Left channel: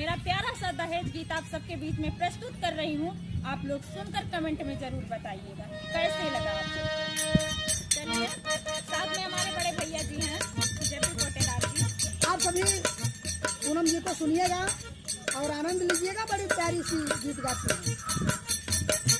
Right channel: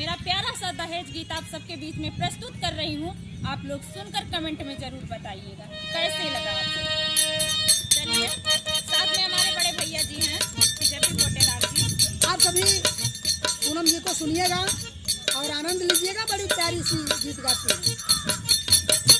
मेरा प्यारा सा दहेज गीत आप सबके बीच में प्रस्तुत कर रही हूँ। आप लोग सुनकर कमेंट में जरूर बताइएगा कैसे लगा आप सबको। चलिए, साथ में हमारे बड़े भैया जी हैं जेपी पोटेदार जी। आप सभी पूनम जी को सुनिएगा और आनंद लीजिएगा। बड़ी प्यारी सी गीत गाती हैं।